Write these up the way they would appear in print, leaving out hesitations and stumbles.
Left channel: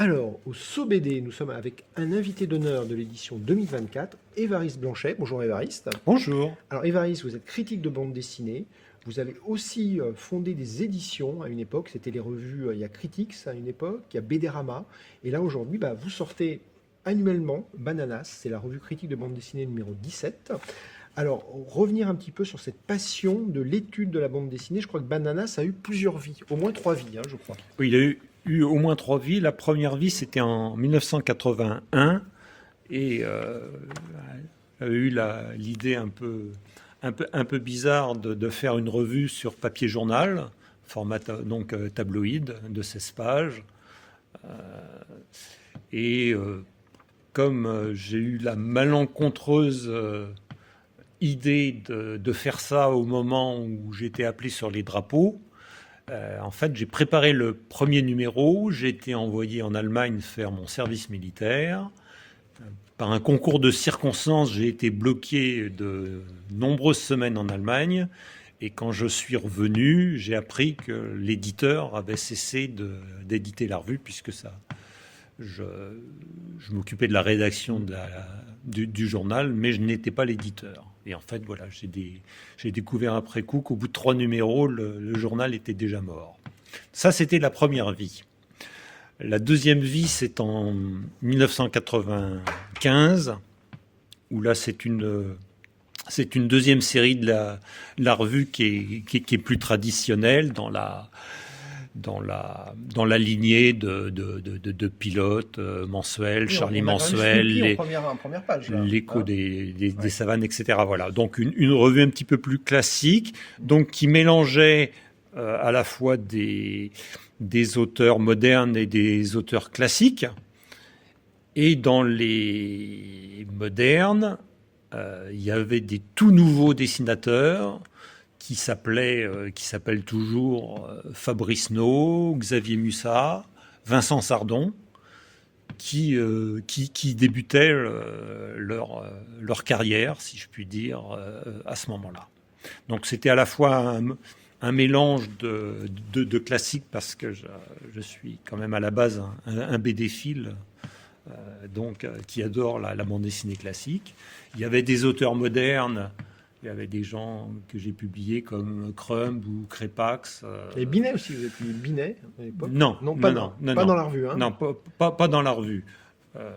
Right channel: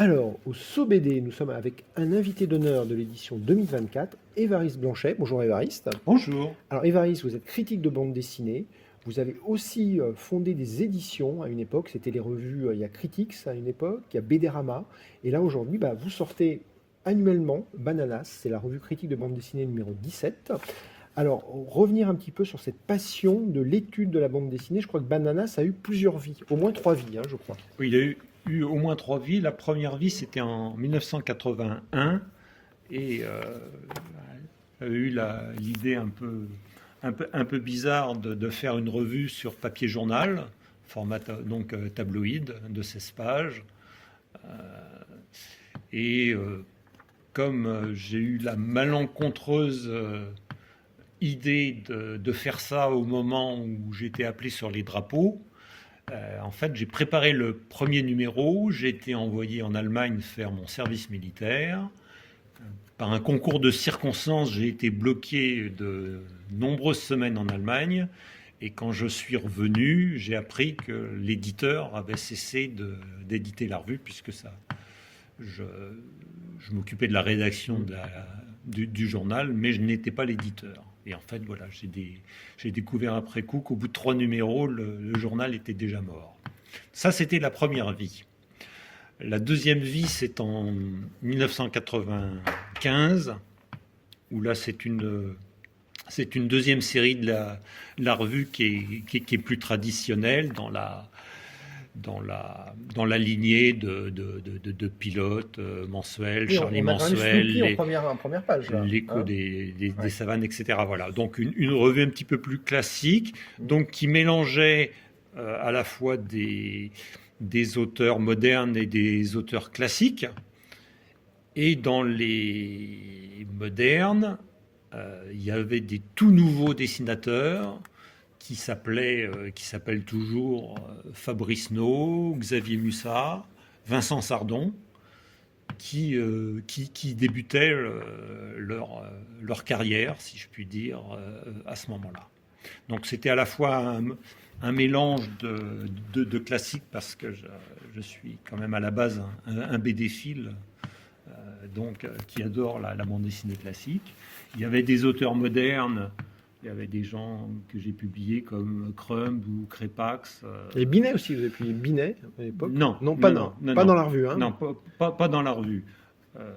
Alors, au SOBD, nous sommes avec un invité d'honneur de l'édition 2024, Évariste Blanchet. Bonjour Évariste. Bonjour. Alors Évariste, vous êtes critique de bande dessinée. Vous avez aussi fondé des éditions à une époque. C'était les revues, il y a Critics à une époque, il y a BDRama. Et là aujourd'hui, vous sortez annuellement Bananas. C'est la revue critique de bande dessinée numéro 17. Alors, revenir un petit peu sur cette passion de l'étude de la bande dessinée. Je crois que Bananas a eu plusieurs vies, au moins 3 vies, je crois. Oui, il a eu au moins 3 vies. La première vie, c'était en 1981 et avait eu l'idée un peu bizarre de faire une revue sur papier journal, format donc tabloïd de 16 pages. Et comme j'ai eu la malencontreuse idée de faire ça au moment où j'étais appelé sur les drapeaux, en fait, j'ai préparé le premier numéro. J'ai été envoyé en Allemagne faire mon service militaire. Par un concours de circonstances, j'ai été bloqué de nombreuses semaines en Allemagne. Et quand je suis revenu, j'ai appris que l'éditeur avait cessé d'éditer la revue, puisque je m'occupais de la rédaction du journal, mais je n'étais pas l'éditeur. Et en fait, voilà, j'ai découvert après coup qu'au bout de 3 numéros, le journal était déjà mort. Ça, c'était la première vie. La deuxième vie, c'est en 1995, où là, c'est une deuxième série de la revue qui est plus traditionnelle dans la lignée de pilotes mensuels, Oui, Charlie on a quand même Mensuel, en première page, là, l'écho hein. des Ouais. savanes, etc. Voilà. Donc une revue un petit peu plus classique, donc qui mélangeait à la fois des auteurs modernes et des auteurs classiques. Et dans les modernes, il y avait des tout nouveaux dessinateurs qui s'appellent toujours Fabrice No, Xavier Mussat, Vincent Sardon, qui débutaient leur carrière, si je puis dire, à ce moment-là. Donc c'était à la fois un mélange de classiques, parce que je suis quand même à la base un BD-phile, qui adore la bande dessinée classique. Il y avait des auteurs modernes. Il y avait des gens que j'ai publiés comme Crumb ou Crépax. Et Binet aussi, vous avez publié Binet à l'époque? Non, Non, non, non, non, pas dans non, la revue, hein. non, pas dans la revue. Euh,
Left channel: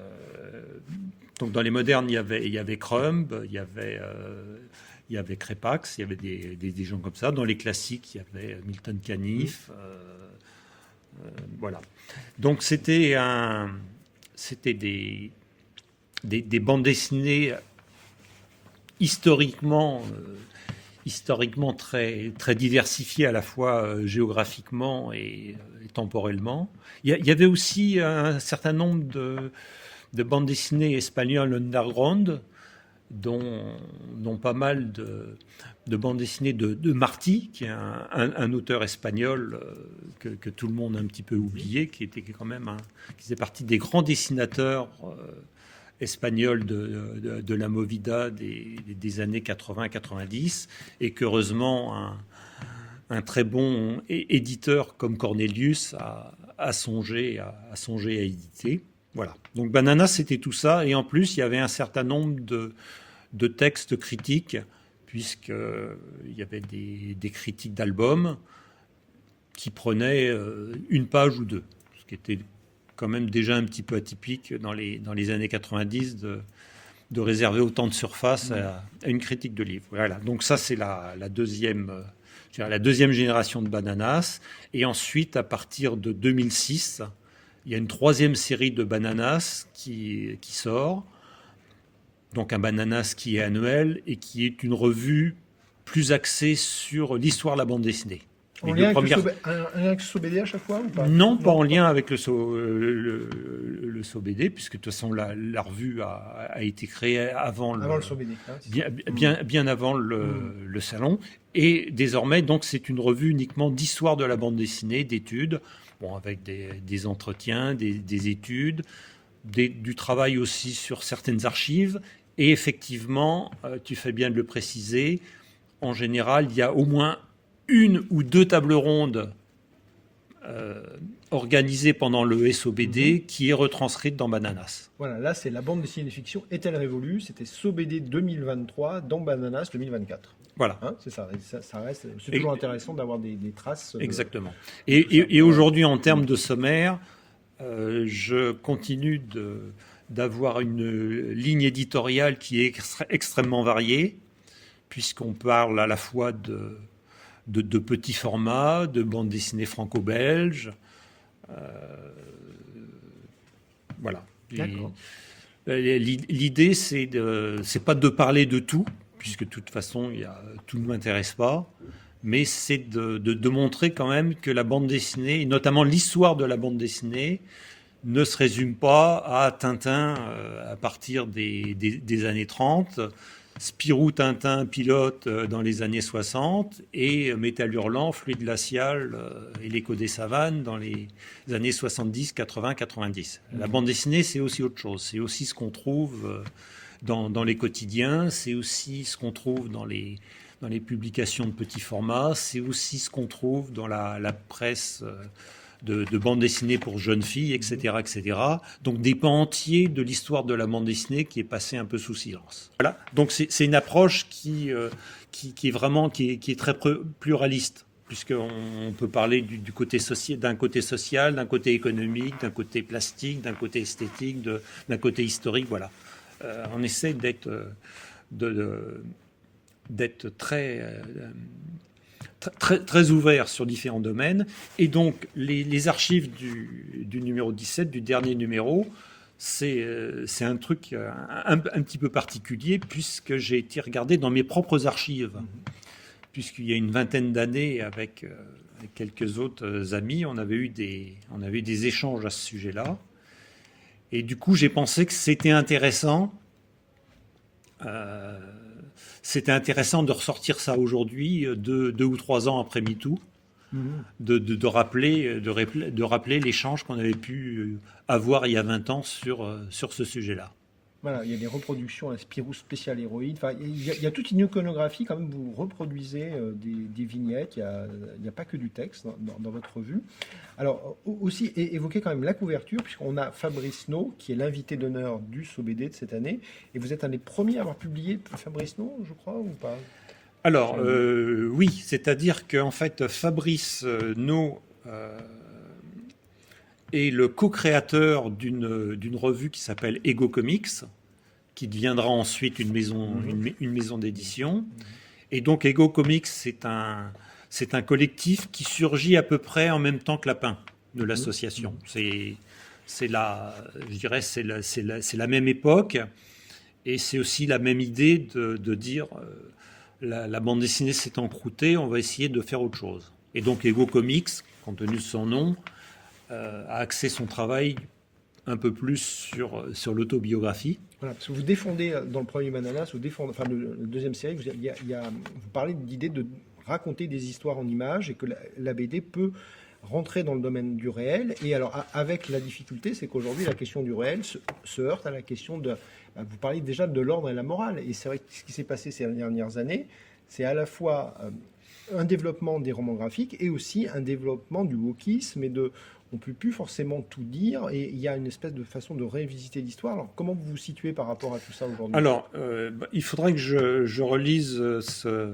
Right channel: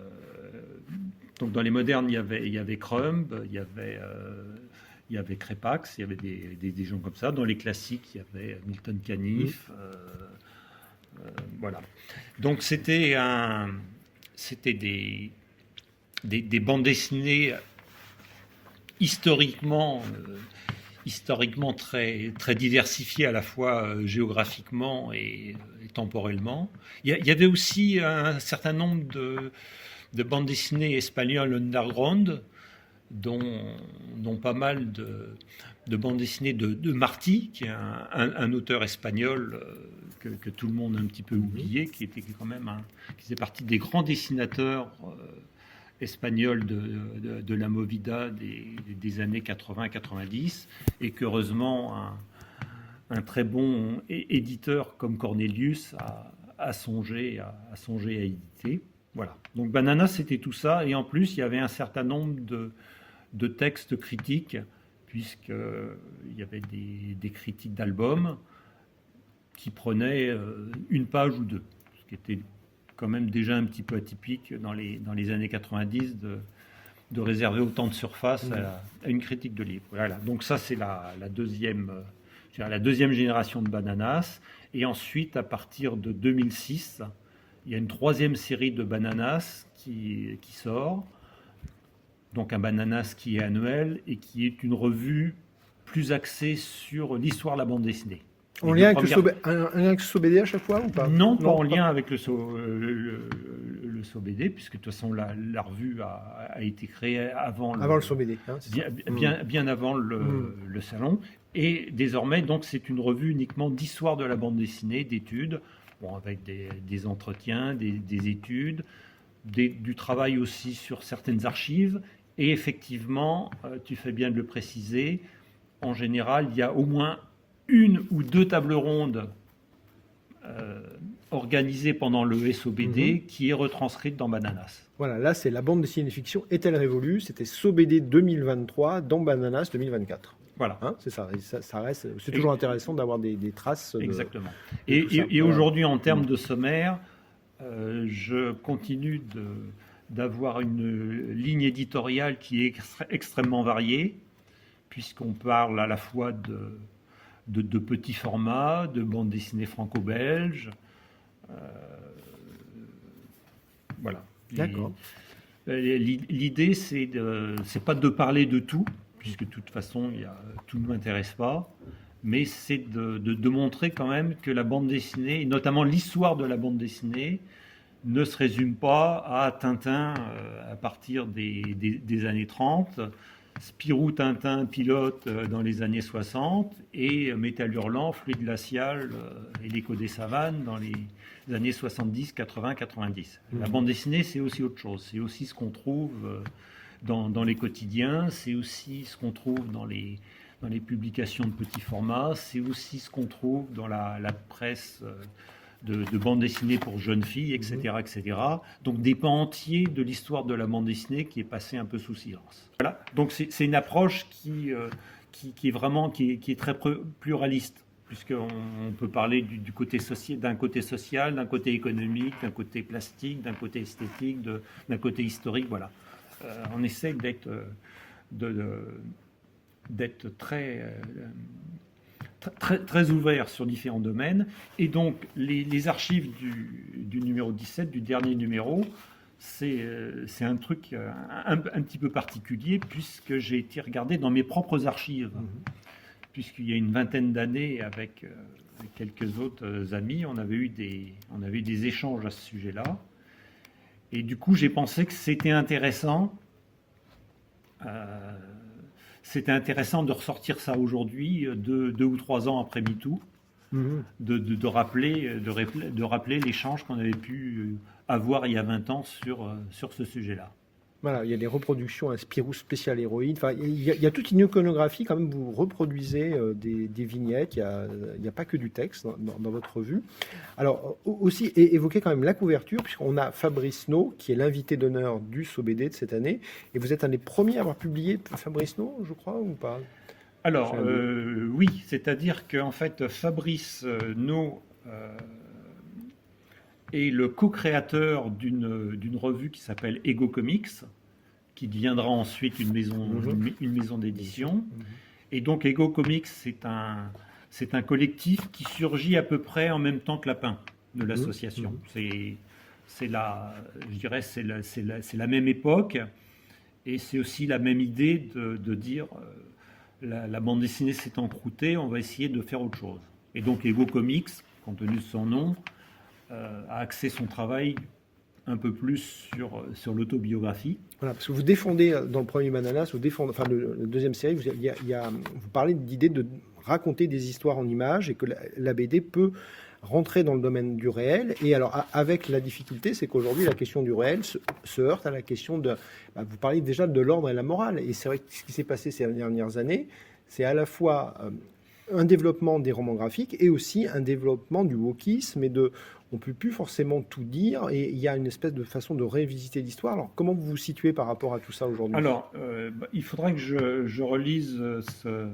donc dans les modernes, il y avait Crumb, il y avait Crépax, il y avait des gens comme ça. Dans les classiques, il y avait Milton Caniff. Voilà. Donc c'était des bandes dessinées historiquement très, très diversifiées, à la fois géographiquement et temporellement. Il y avait aussi un certain nombre de bandes dessinées espagnoles underground, dont pas mal de bandes dessinées de Martí, qui est un auteur espagnol que tout le monde a un petit peu oublié, qui était quand même qui faisait partie des grands dessinateurs espagnols de la Movida des années 80-90, et qu'heureusement un très bon éditeur comme Cornelius a songé à éditer. Voilà. Donc Banana, c'était tout ça, et en plus il y avait un certain nombre de textes critiques, puisqu'il y avait des critiques d'albums qui prenaient une page ou deux, ce qui était quand même déjà un petit peu atypique dans les années 90 de réserver autant de surface à une critique de livre. Voilà. Donc ça, c'est la deuxième génération de Bananas. Et ensuite, à partir de 2006, il y a une troisième série de Bananas qui sort. Donc un Bananas qui est annuel et qui est une revue plus axée sur l'histoire de la bande dessinée. En lien avec le SOBD à chaque fois ou pas? Non, pas en lien avec le SOBD, puisque de toute façon la revue a été créée avant le SOBD, hein, bien avant le salon. Et désormais, donc, c'est une revue uniquement d'histoire de la bande dessinée, d'études, avec des entretiens, des études, du travail aussi sur certaines archives. Et effectivement, tu fais bien de le préciser, en général, il y a au moins une ou deux tables rondes organisée pendant le SOBD qui est retranscrite dans Bananas. Voilà, là c'est la bande dessinée de fiction Est-elle révolue? C'était SOBD 2023 dans Bananas 2024. Voilà. Hein, c'est ça, ça reste, c'est toujours intéressant d'avoir des traces. Exactement. Et aujourd'hui, en termes de sommaire, je continue d'avoir une ligne éditoriale qui est extrêmement variée, puisqu'on parle à la fois de petits formats, de bandes dessinées franco-belges. Voilà. D'accord. L'idée, c'est pas de parler de tout, puisque de toute façon, tout ne m'intéresse pas, mais c'est de montrer quand même que la bande dessinée, et notamment l'histoire de la bande dessinée, ne se résume pas à Tintin à partir des années 30, Spirou, Tintin, Pilote dans les années 60 et Métal Hurlant, Fluide glacial et L'écho des savanes dans les années 70, 80, 90. La bande dessinée, c'est aussi autre chose. C'est aussi ce qu'on trouve dans les quotidiens, c'est aussi ce qu'on trouve dans les publications de petits formats, c'est aussi ce qu'on trouve dans la presse de bande dessinée pour jeunes filles, etc., etc. Donc des pans entiers de l'histoire de la bande dessinée qui est passée un peu sous silence. Voilà. Donc c'est une approche qui est vraiment qui est très pluraliste, puisqu'on peut parler d'un côté social, d'un côté économique, d'un côté plastique, d'un côté esthétique, d'un côté historique. Voilà. On essaie d'être très ouvert sur différents domaines. Et donc, les archives du numéro 17, du dernier numéro, c'est un truc un petit peu particulier, puisque j'ai été regardé dans mes propres archives. Puisqu'il y a une vingtaine d'années, avec quelques autres amis, on avait eu des échanges à ce sujet-là. Et du coup, j'ai pensé que c'était intéressant. C'était intéressant de ressortir ça aujourd'hui, 2 ou 3 ans après MeToo, de rappeler l'échange qu'on avait pu avoir il y a 20 ans sur ce sujet-là. Voilà, il y a des reproductions, un Spirou spécial héroïne. Enfin, il y a toute une iconographie quand même. Vous reproduisez des vignettes. Il n'y a pas que du texte dans votre revue. Alors, aussi évoquer quand même la couverture, puisqu'on a Fabrice No, qui est l'invité d'honneur du SOBD de cette année. Et vous êtes un des premiers à avoir publié Fabrice No, je crois, ou pas? Alors, oui, c'est-à-dire qu'en fait, Fabrice No est le co-créateur d'une revue qui s'appelle Ego Comics, qui deviendra ensuite une maison d'édition. Et donc Ego Comics, c'est un collectif qui surgit à peu près en même temps que Lapin de l'association. C'est la même époque, et c'est aussi la même idée de dire la bande dessinée s'est encroûtée, on va essayer de faire autre chose. Et donc Ego Comics, compte tenu de son nom, a axé son travail un peu plus sur l'autobiographie. Voilà, parce que vous défendez dans le premier Bananas, enfin le deuxième série, vous parlez de l'idée de raconter des histoires en images et que la BD peut rentrer dans le domaine du réel. Et alors, avec la difficulté, c'est qu'aujourd'hui, la question du réel se heurte à la question de... vous parlez déjà de l'ordre et la morale. Et c'est vrai que ce qui s'est passé ces dernières années, c'est à la fois un développement des romans graphiques et aussi un développement du wokisme et on ne peut plus forcément tout dire, et il y a une espèce de façon de révisiter l'histoire. Alors, comment vous vous situez par rapport à tout ça aujourd'hui? Alors, il faudrait que je relise ce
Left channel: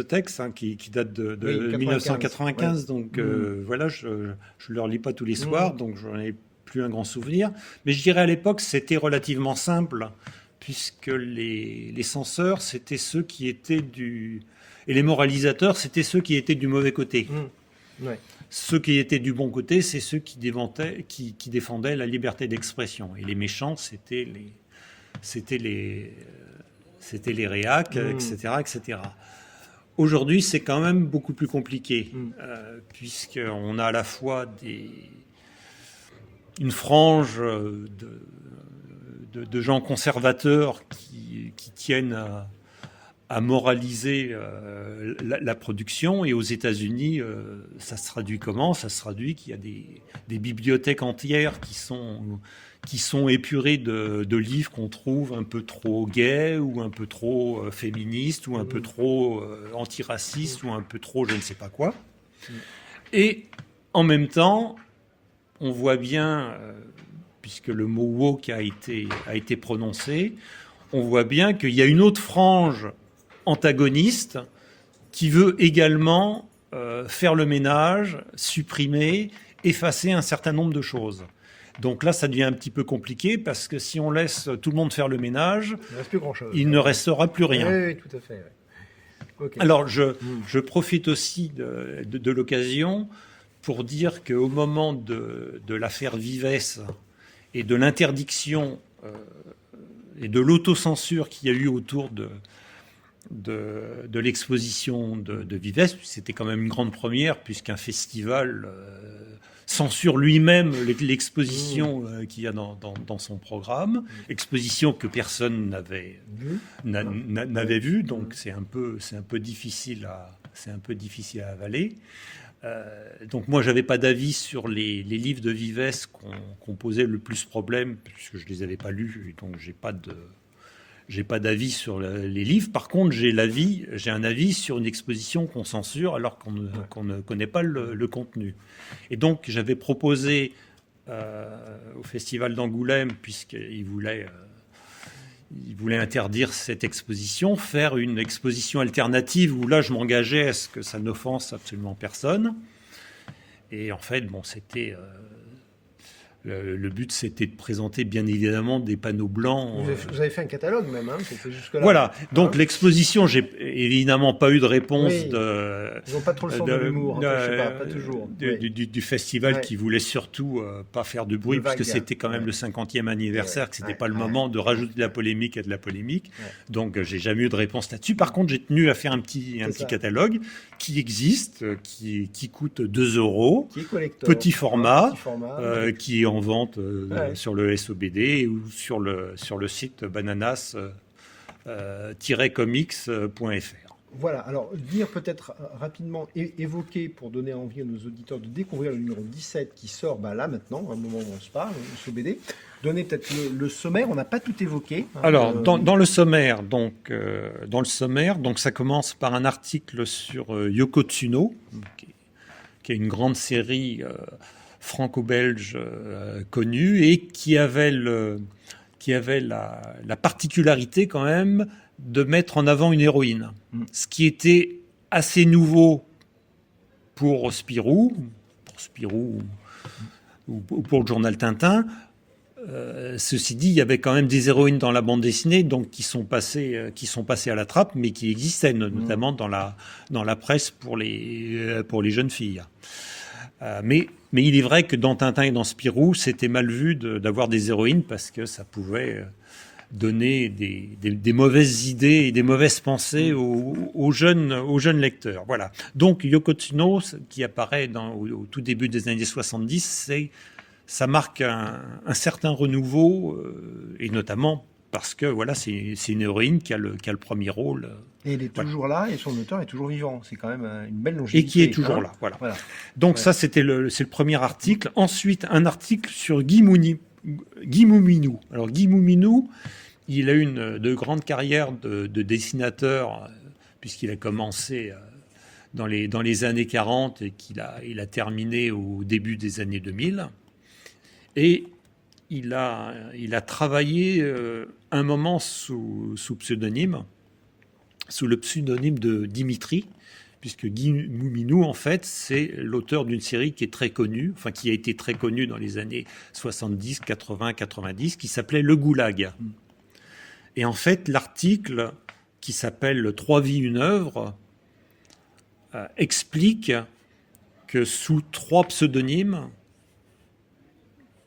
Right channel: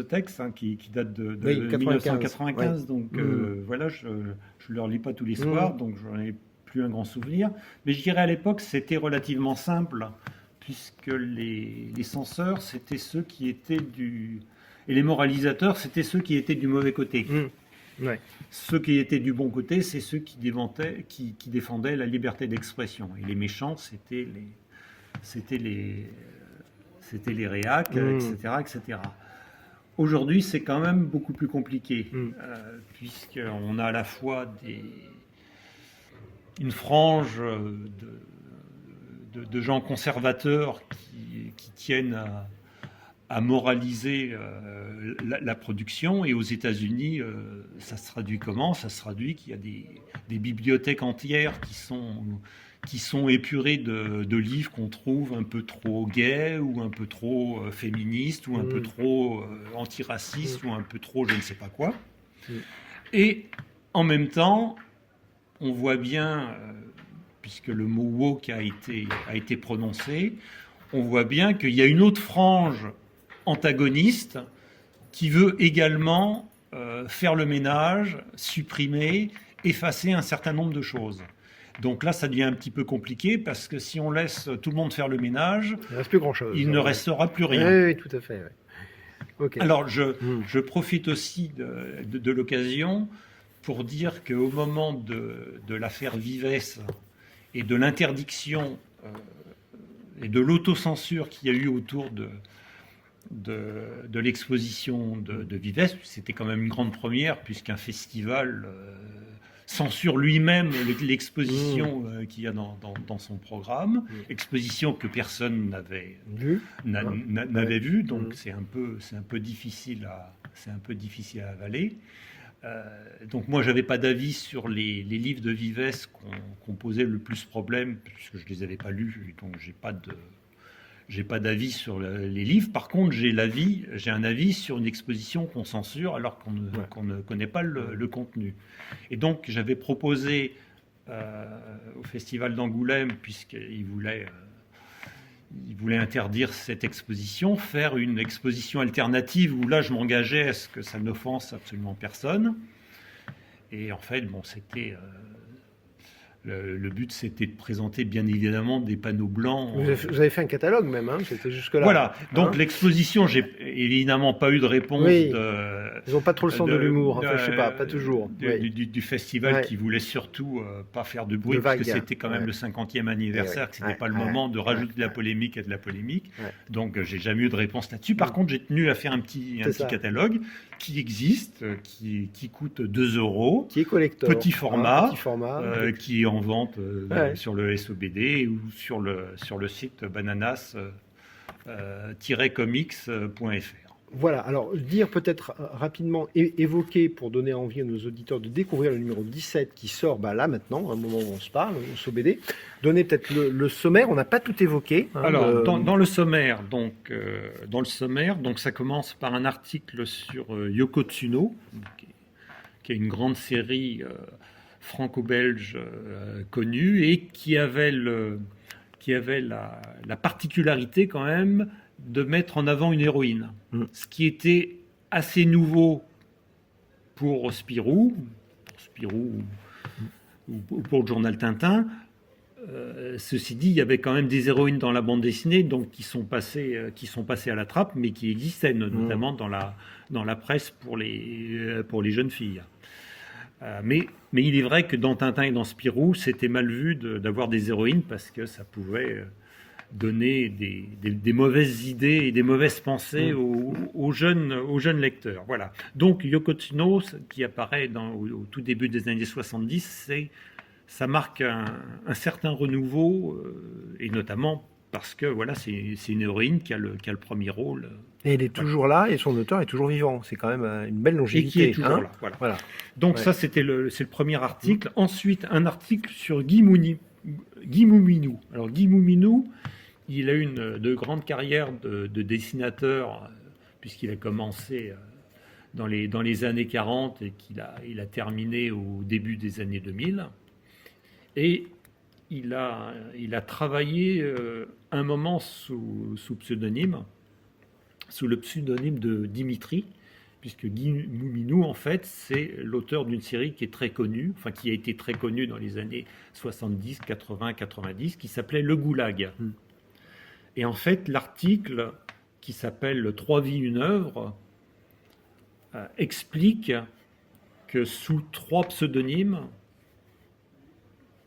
texte qui date de 1995, donc voilà, je ne le relis pas tous les soirs, donc je n'en ai plus un grand souvenir. Mais je dirais à l'époque, c'était relativement simple, puisque les censeurs, c'était ceux qui étaient et les moralisateurs, c'était ceux qui étaient du mauvais côté. Ouais. Ceux qui étaient du bon côté, c'est ceux qui défendaient la liberté d'expression. Et les méchants, c'était les réacs, etc., etc. Aujourd'hui, c'est quand même beaucoup plus compliqué, puisqu'on a à la fois une frange de gens conservateurs qui tiennent à moraliser la production. Et aux États-Unis, ça se traduit comment? Ça se traduit qu'il y a des bibliothèques entières qui sont épurées de livres qu'on trouve un peu trop gays, ou un peu trop féministes, ou un peu trop antiracistes, ou un peu trop je ne sais pas quoi. Et en même temps, on voit bien, puisque le mot woke a été prononcé, on voit bien qu'il y a une autre frange antagoniste qui veut également faire le ménage, supprimer, effacer un certain nombre de choses. Donc là, ça devient un petit peu compliqué parce que si on laisse tout le monde faire le ménage, Il ne reste plus grand-chose. il ne restera plus rien. Oui, tout à fait. Ouais. Okay. Alors, je profite aussi de l'occasion pour dire qu'au moment de l'affaire Vives et de l'interdiction et de l'autocensure qu'il y a eu autour de l'exposition de Vives, c'était quand même une grande première, puisqu'un festival censure lui-même l'exposition qu'il y a dans son programme, exposition que personne n'avait vue, donc c'est un peu difficile à avaler. Donc moi, j'avais pas d'avis sur les livres de Vives qu'on posait le plus problème, puisque je les avais pas lus, donc j'ai pas d'avis sur les livres. Par contre, j'ai un avis sur une exposition qu'on censure alors qu'on ne connaît pas le contenu. Et donc, j'avais proposé au Festival d'Angoulême, puisqu'il voulait interdire cette exposition, faire une exposition alternative où là, je m'engageais à ce que ça n'offense absolument personne. Et en fait, bon, c'était... Le but, c'était de présenter, bien évidemment, des panneaux blancs. Vous avez fait un catalogue même, hein, c'était jusque-là. Voilà, donc l'exposition, j'ai évidemment pas eu de réponse. Oui. Ils n'ont pas trop le sens de l'humour, enfin, je sais pas toujours. Du festival qui voulait surtout pas faire de bruit, parce que c'était quand même le 50e anniversaire, que c'était pas le moment de rajouter de la polémique à de la polémique. Donc, j'ai jamais eu de réponse là-dessus. Par contre, j'ai tenu à faire un petit catalogue qui existe, qui coûte 2 €, qui est collector, petit format, qui est en vente sur le SOBD ou sur le site bananas-comics.fr. Voilà, alors dire peut-être rapidement, évoquer pour donner envie à nos auditeurs de découvrir le numéro 17 qui sort là maintenant, à un moment où on se parle, le SOBD. Donner peut-être le sommaire, on n'a pas tout évoqué. Hein, alors, dans le sommaire, donc ça commence par un article sur Yoko Tsuno, qui est une grande série franco-belge connue et qui avait la particularité quand même de mettre en avant une héroïne. Ce qui était assez nouveau pour Spirou ou pour le journal Tintin. Ceci dit, il y avait quand même des héroïnes dans la bande dessinée, donc qui sont passées à la trappe, mais qui existaient notamment dans la presse pour les jeunes filles. Mais il est vrai que dans Tintin et dans Spirou, c'était mal vu d'avoir des héroïnes parce que ça pouvait donner des mauvaises idées et des mauvaises pensées aux jeunes lecteurs. Voilà. Donc Yoko Tsuno, qui apparaît au tout début des années 70, ça marque un certain renouveau, et notamment parce que voilà, c'est une héroïne qui a le premier rôle. Et elle est toujours là, et son auteur est toujours vivant. C'est quand même une belle longévité. Et qui est toujours là. Voilà. Donc ça, c'est le premier article. Ensuite, un article sur Guy Mouminou. Alors Guy Mouminou, il a une de grande carrière de dessinateur, puisqu'il a commencé dans les années 40 et qu'il a terminé au début des années 2000. Et il a travaillé un moment sous pseudonyme, sous le pseudonyme de Dimitri, puisque Guy Mouminou, en fait, c'est l'auteur d'une série qui est très connue, enfin qui a été très connue dans les années 70, 80, 90, qui s'appelait Le Goulag. Et en fait, l'article qui s'appelle « 3 vies, une œuvre » explique que sous 3 pseudonymes,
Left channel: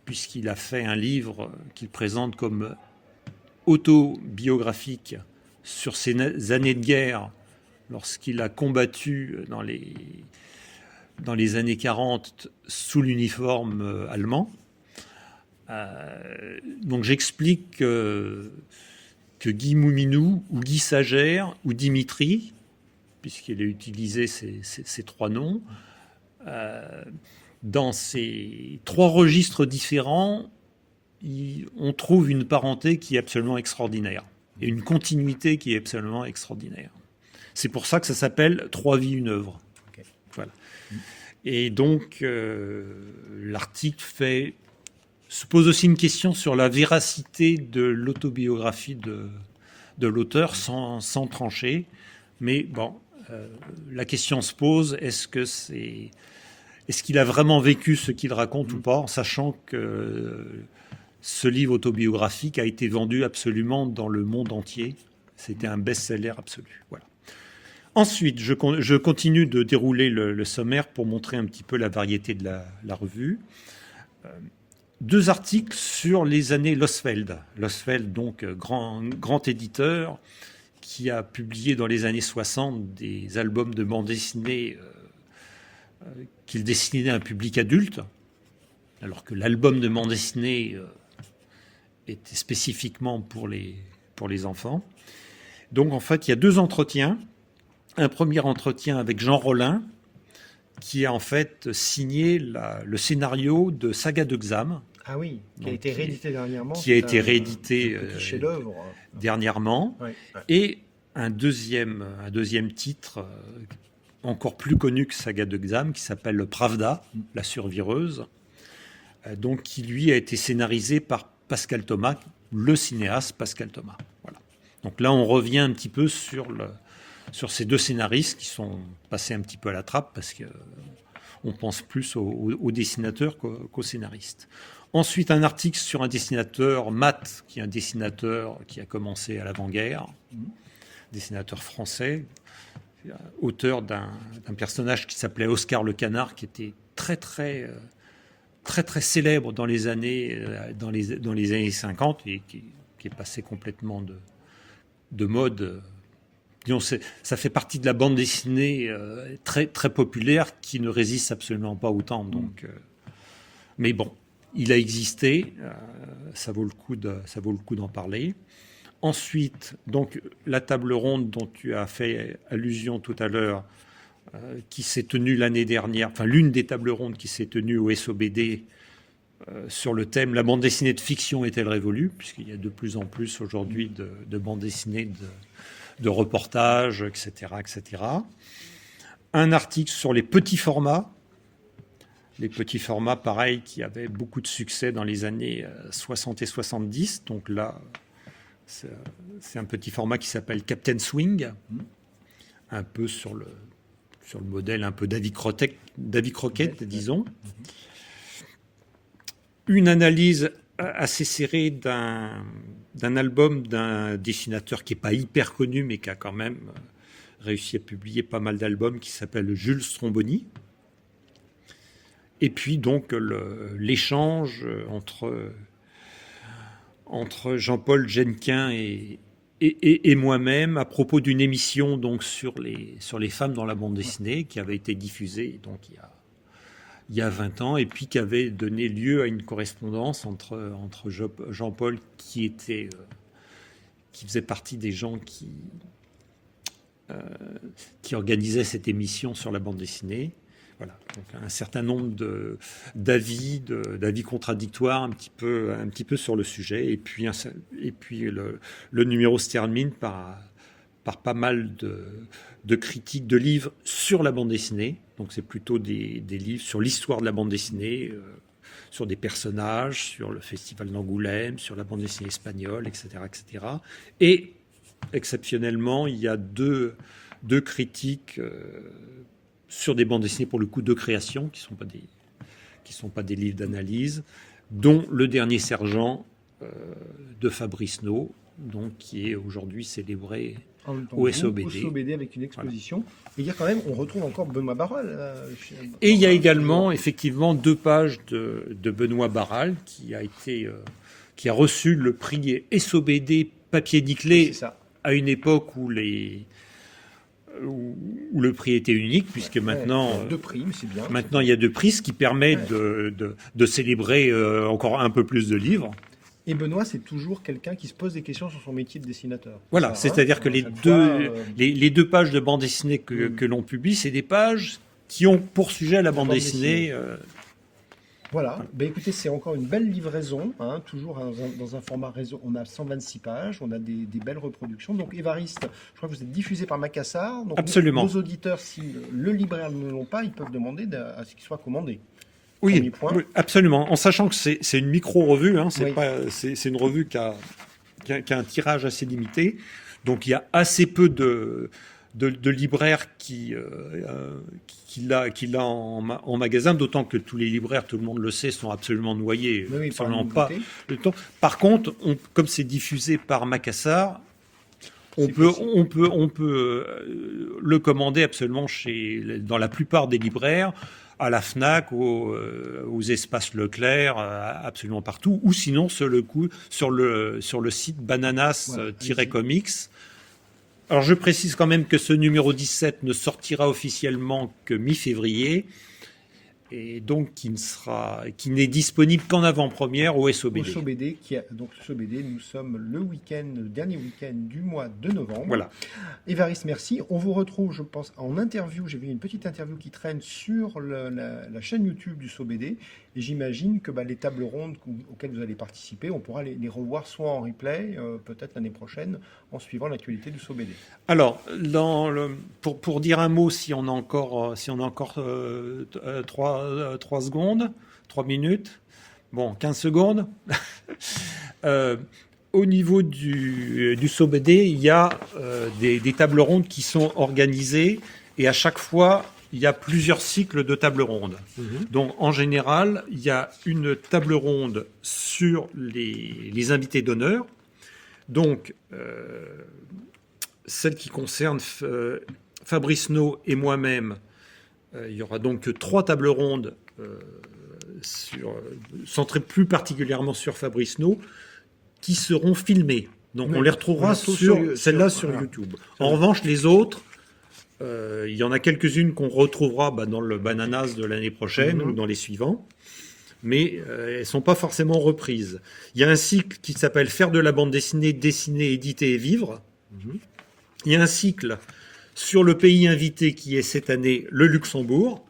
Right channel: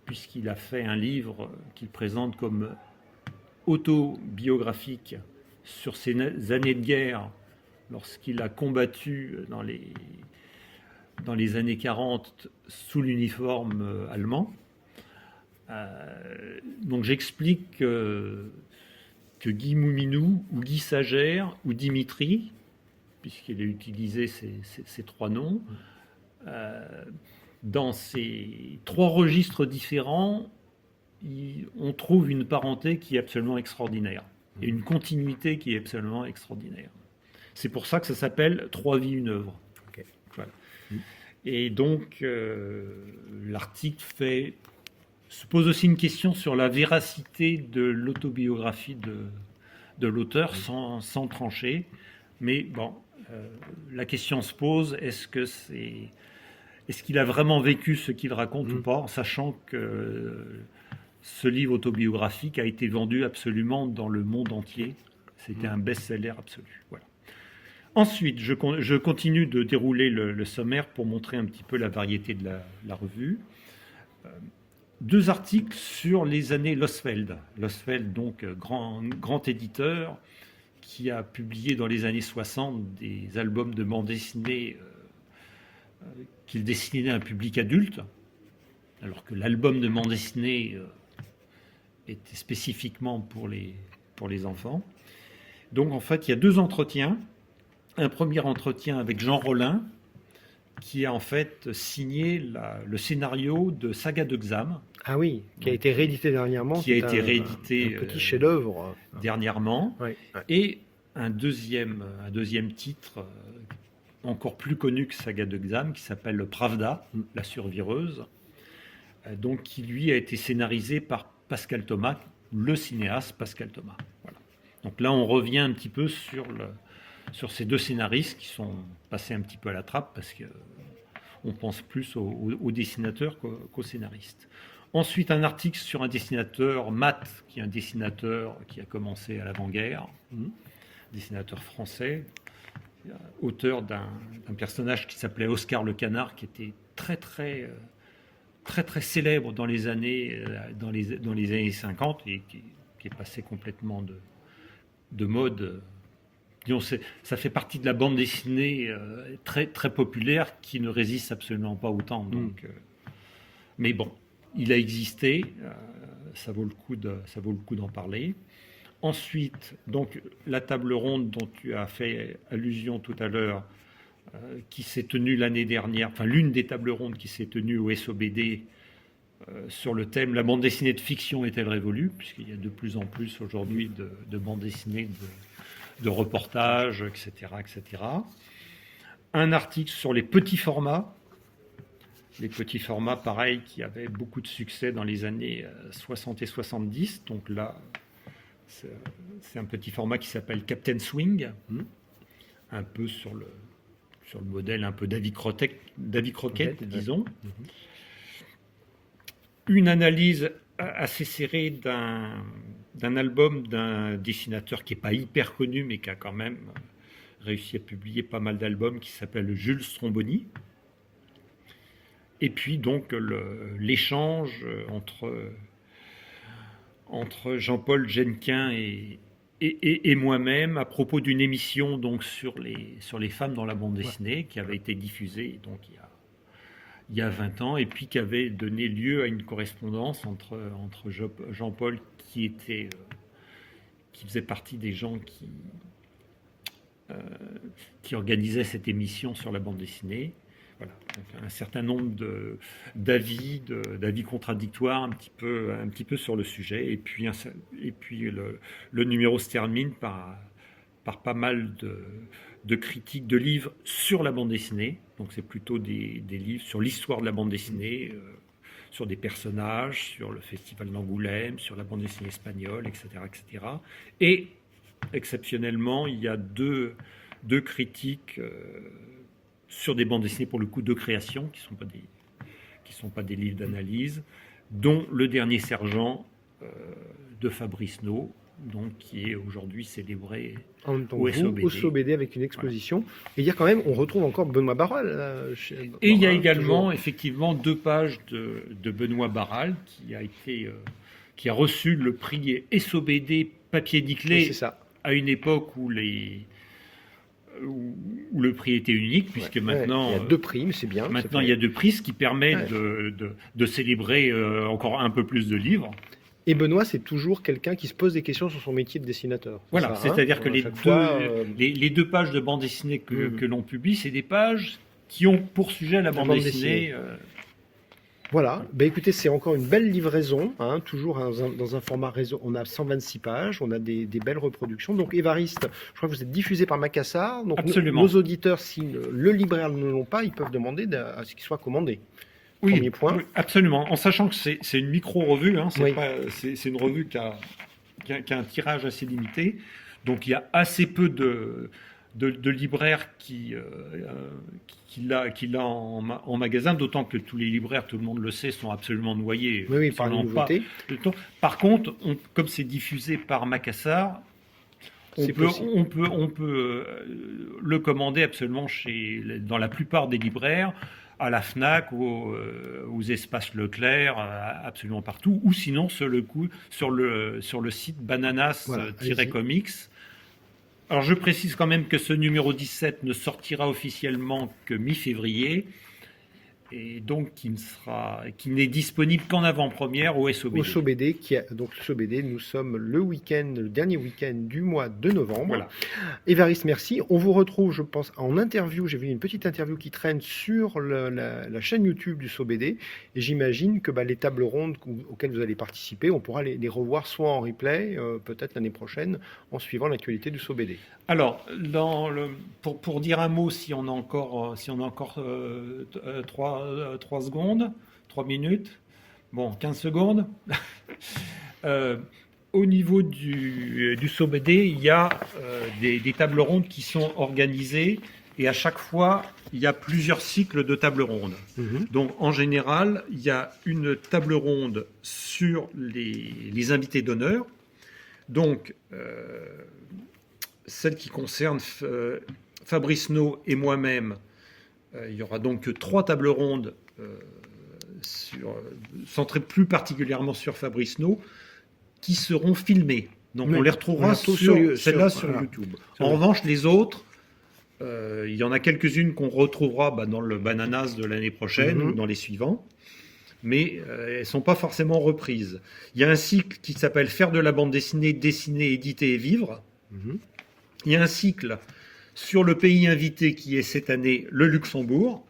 puisqu'il a fait un livre qu'il présente comme autobiographique sur ses années de guerre, lorsqu'il a combattu dans les années 40 sous l'uniforme allemand. Donc j'explique que Guy Mouminou, ou Guy Sagère, ou Dimitri, puisqu'il a utilisé ces 3 noms, dans ces 3 registres différents, on trouve une parenté qui est absolument extraordinaire et une continuité qui est absolument extraordinaire. C'est pour ça que ça s'appelle « 3 vies, une œuvre ». Okay. Voilà. Et donc, l'article se pose aussi une question sur la véracité de l'autobiographie de l'auteur sans trancher. Mais bon, la question se pose, est-ce qu'il a vraiment vécu ce qu'il raconte ou pas, en sachant que ce livre autobiographique a été vendu absolument dans le monde entier. C'était un best-seller absolu. Voilà. Ensuite, je continue de dérouler le sommaire pour montrer un petit peu la variété de la revue. 2 articles sur les années Losfeld. Losfeld, donc grand éditeur, qui a publié dans les années 60 des albums de bande dessinée qu'il destinait à un public adulte, alors que l'album de bande dessinée était spécifiquement pour les enfants. Donc en fait, il y a 2 entretiens. Un premier entretien avec Jean Rollin, qui a en fait signé le scénario de Saga de Xam. Ah oui, qui a été réédité dernièrement. Qui a été réédité un petit chef-d'œuvre. Dernièrement. Ouais. Et un deuxième titre encore plus connu que Saga de Xam, qui s'appelle le Pravda, la survireuse, donc qui lui a été scénarisé par Pascal Thomas, le cinéaste Pascal Thomas. Voilà. Donc là, on revient un petit peu sur ces 2 scénaristes qui sont passés un petit peu à la trappe parce qu'on pense plus aux dessinateurs qu'aux scénaristes. Ensuite, un article sur un dessinateur, Matt, qui est un dessinateur qui a commencé à l'avant-guerre, dessinateur français, auteur d'un personnage qui s'appelait Oscar le Canard, qui était très célèbre dans les années 50 et qui est passé complètement de mode. Disons, ça fait partie de la bande dessinée très populaire qui ne résiste absolument pas au temps. Donc, mais bon, il a existé, ça vaut le coup d'en parler. Ensuite, donc, la table ronde dont tu as fait allusion tout à l'heure, qui s'est tenue l'année dernière, enfin l'une des tables rondes qui s'est tenue au SOBD sur le thème « La bande dessinée de fiction est-elle révolue ?» puisqu'il y a de plus en plus aujourd'hui de bandes dessinées de reportages, etc., etc. Un article sur les petits formats. Les petits formats, pareil, qui avaient beaucoup de succès dans les années 60 et 70. Donc là, c'est un petit format qui s'appelle Captain Swing, un peu sur le modèle un peu d'Avy Crockett, disons. Une analyse assez serrée d'un album d'un dessinateur qui n'est pas hyper connu, mais qui a quand même réussi à publier pas mal d'albums, qui s'appelle Jules Stromboni. Et puis donc l'échange entre Jean-Paul Jenquin et moi-même à propos d'une émission donc sur les femmes dans la bande dessinée qui avait été diffusée donc il y a 20 ans et puis qui avait donné lieu à une correspondance entre Jean-Paul qui faisait partie des gens qui organisaient cette émission sur la bande dessinée. Voilà, donc un certain nombre d'avis contradictoires un petit peu sur le sujet. Et puis le numéro se termine par pas mal de critiques de livres sur la bande dessinée. Donc c'est plutôt des livres sur l'histoire de la bande dessinée, sur des personnages, sur le festival d'Angoulême, sur la bande dessinée espagnole, etc., etc. Et exceptionnellement, il y a deux critiques sur des bandes dessinées, pour le coup, de création, qui sont pas des livres d'analyse, dont Le Dernier Sergent de Fabrice No, donc, qui est aujourd'hui célébré au SOBD. Avec une exposition. Voilà. Et il y a quand même, on retrouve encore Benoît Barral. Et il y a également, effectivement, 2 pages de Benoît Barral, qui a reçu le prix SOBD papier nickelé à une époque où le prix était unique, puisque maintenant... il y a 2 prix, mais c'est bien. Maintenant, il y a 2 prix, ce qui permet de célébrer encore un peu plus de livres. Et Benoît, c'est toujours quelqu'un qui se pose des questions sur son métier de dessinateur. Voilà, c'est-à-dire que les 2 pages de bande dessinée que l'on publie, c'est des pages qui ont pour sujet la bande dessinée. Voilà, ben écoutez, c'est encore une belle livraison, hein, toujours dans un format réseau. On a 126 pages, on a des belles reproductions. Donc Évariste, je crois que vous êtes diffusé par Macassar. Donc Absolument. nos auditeurs, si le libraire ne l'ont pas, ils peuvent demander à ce qu'il soit commandé. Oui, Premier point. oui, absolument. En sachant que c'est une micro-revue, hein, Oui. c'est une revue qui a un tirage assez limité. Donc il y a assez peu de libraires qui l'a en magasin, d'autant que tous les libraires, tout le monde le sait, sont absolument noyés. Oui, par la Absolument pas nouveauté. le temps. Par contre, comme c'est diffusé par Macassar, on C'est peut, possible. on peut le commander absolument dans la plupart des libraires, à la Fnac, aux espaces Leclerc, absolument partout, ou sinon sur le site Voilà, bananas-comics. Alors je précise quand même que ce numéro 17 ne sortira officiellement que mi-février, et donc qui n'est disponible qu'en avant-première au SOBD. Au SOBD, donc le SOBD, nous sommes le dernier week-end du mois de novembre. Voilà. Évariste, merci. On vous retrouve, je pense, en interview. J'ai vu une petite interview qui traîne sur la chaîne YouTube du SOBD. Et j'imagine que les tables rondes auxquelles vous allez participer, on pourra les revoir soit en replay, peut-être l'année prochaine, en suivant l'actualité du SOBD. Alors, pour dire un mot, si on a encore 3 secondes, 3 minutes, bon, 15 secondes. Au niveau du SOBD, il y a des tables rondes qui sont organisées et à chaque fois, il y a plusieurs cycles de tables rondes. Donc, en général, il y a une table ronde sur les invités d'honneur. Donc, celle qui concerne Fabrice No et moi-même, il y aura donc 3 tables rondes centrées plus particulièrement sur Fabrice No, qui seront filmées. Donc Oui, on les retrouvera sur celle-là sur YouTube. En revanche, les autres, il y en a quelques-unes qu'on retrouvera dans le Bananas de l'année prochaine ou dans les suivants, mais elles ne sont pas forcément reprises. Il y a un cycle qui s'appelle Faire de la bande dessinée, dessiner, éditer et vivre. Il y a un cycle sur le pays invité qui est cette année le Luxembourg.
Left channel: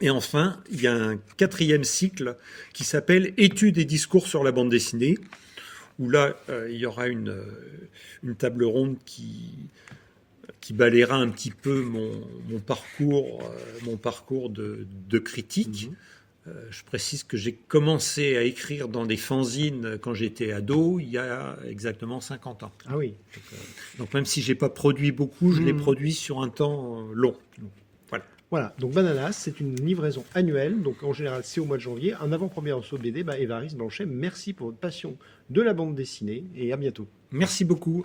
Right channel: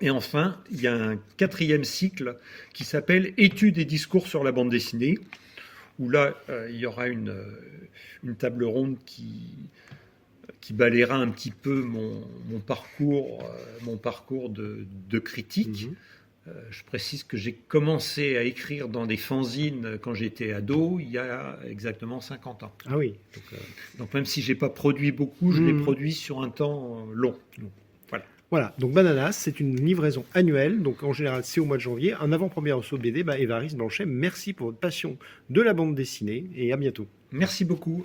Et enfin, il y a un 4e cycle qui s'appelle Études et discours sur la bande dessinée, où là, il y aura une table ronde qui balayera un petit peu mon parcours de critique. Je précise que j'ai commencé à écrire dans des fanzines quand j'étais ado, il y a exactement 50 ans. Ah oui. Donc même si je n'ai pas produit beaucoup, je l'ai produit sur un temps long. Voilà, donc Bananas, c'est une livraison annuelle, donc en général c'est au mois de janvier. En avant-première au SOBD, Évariste Blanchet, merci pour votre passion de la bande dessinée et à bientôt. Merci beaucoup.